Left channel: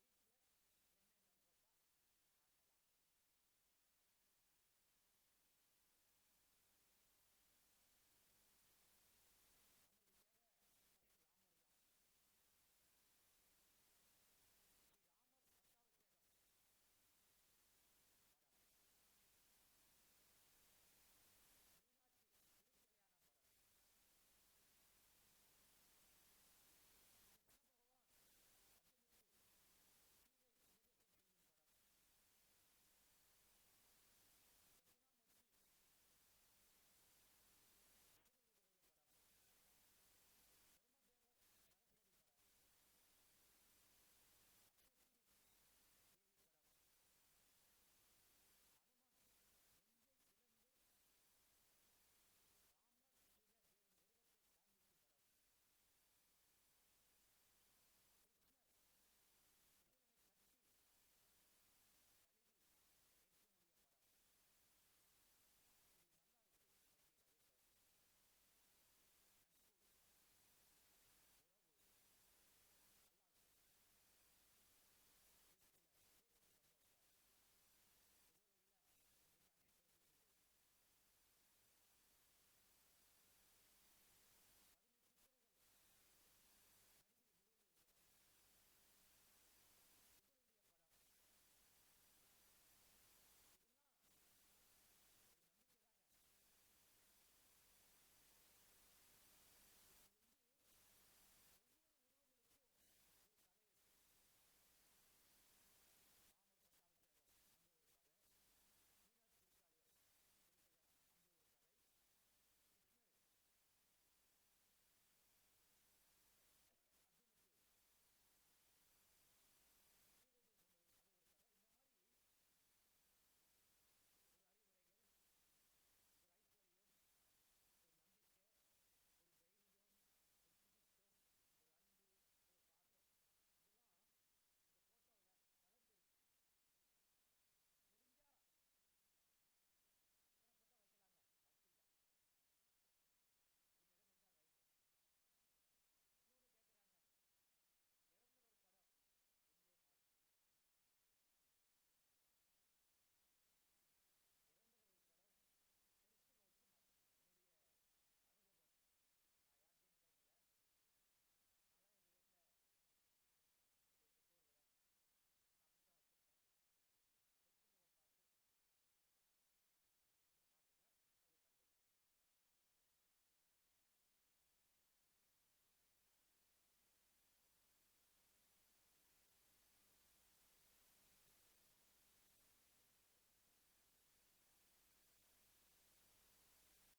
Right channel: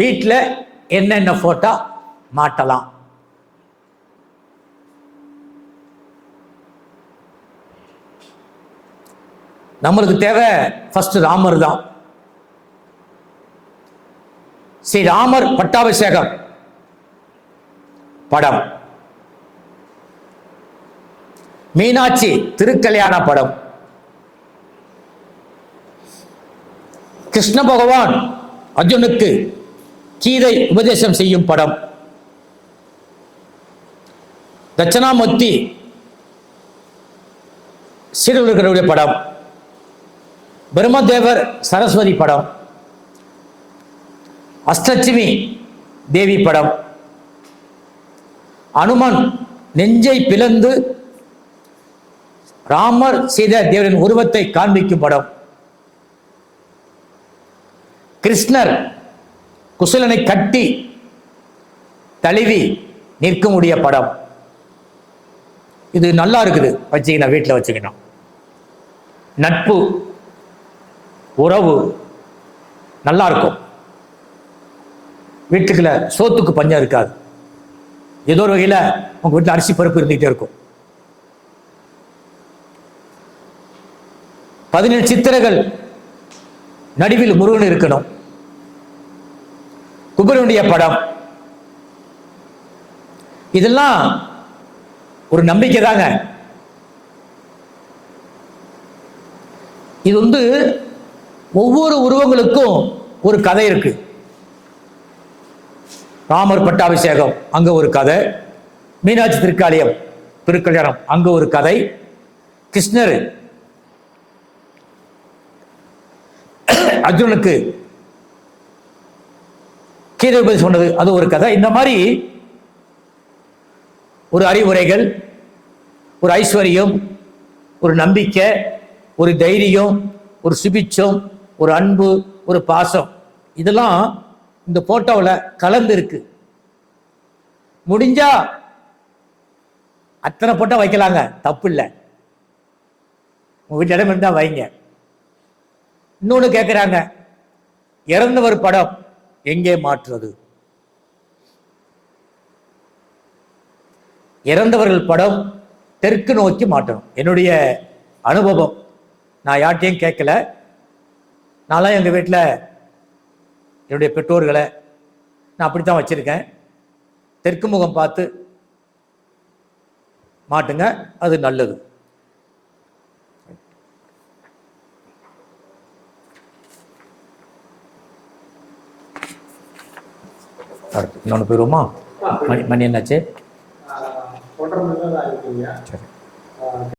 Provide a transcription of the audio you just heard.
வீட்டில் என்னென்ன ஃபோட்டோ மாட்டலாம்? நம்மளுக்கு தேவை ஃபர்ஸ்ட் ராமர் தான். ஸ்ரீ ராமர் பட்டாபிஷேகம் படம். மீனாட்சி திருக்கல்யாண படம். கிருஷ்ண பகவான் அர்ஜுனுக்கு கீதை உபதேசம் செய்யும் படம். தட்சணாமூர்த்தி சீடர்களுடைய படம். பிரம்மதேவர் சரஸ்வதி படம். அஷ்டலட்சுமி தேவி படம். அனுமன் நெஞ்சை பிளந்து ராமர் செய்த தேவரின் உருவத்தை காண்பிக்கும் படம். கிருஷ்ணர் குசலனை கட்டி தழுவி நிற்கக்கூடிய படம். இது நல்லா இருக்குது. வச்சுக்கணும் வீட்டில் வச்சுக்கணும். நட்பு உறவு நல்லா இருக்கும். வீட்டுக்குள்ள சோத்துக்கு பஞ்சம் இருக்காது. ஏதோ ஒரு வகையில் உங்க வீட்டில் அரிசி பருப்பு இருந்துகிட்டே இருக்கும். பதினேழு சித்திரைகள் நடுவில் முருகன் இருக்கணும். குபரனுடைய படம். இதெல்லாம் ஒரு நம்பிக்கை தாங்க. இது வந்து ஒவ்வொரு உருவங்களுக்கும் ஒரு கதை இருக்கு. ராமர் பட்டாபிஷேகம் அங்க ஒரு கதை. மீனாட்சி திருக்காளியம் திருக்கல்யாணம் அங்க ஒரு கதை. கிருஷ்ணர் அர்ஜுனுக்கு கீதை உபதேசம் சொன்னது. அது ஒரு கதை. இந்த மாதிரி ஒரு அறிவுரைகள் ஒரு ஐஸ்வர்யம் ஒரு நம்பிக்கை ஒரு தைரியம் ஒரு சுபிச்சம் ஒரு அன்பு ஒரு பாசம். இதெல்லாம் இந்த போட்டோவில் கலந்து இருக்கு முடிஞ்சா அத்தனை போட்டோ வைக்கலாங்க. தப்பு இல்லை. உங்கள் வீட்டு இடம் இருந்தா வைங்க. இன்னொன்று கேட்குறாங்க இறந்தவர் படம். எங்கே மாற்றுறது? இறந்தவர்கள் படம் தெற்கு நோக்கி மாட்டணும் என்னுடைய அனுபவம். நான் யார்ட்டையும் கேட்கல. நான்லாம் எங்கள் வீட்டில் என்னுடைய பெற்றோர்களை நான் அப்படி தான் வச்சுருக்கேன். தெற்கு முகம் பார்த்து மாட்டுங்க அது நல்லது. இன்னொன்று போயிடுவோமா மணி மணி என்னாச்சு? சரி.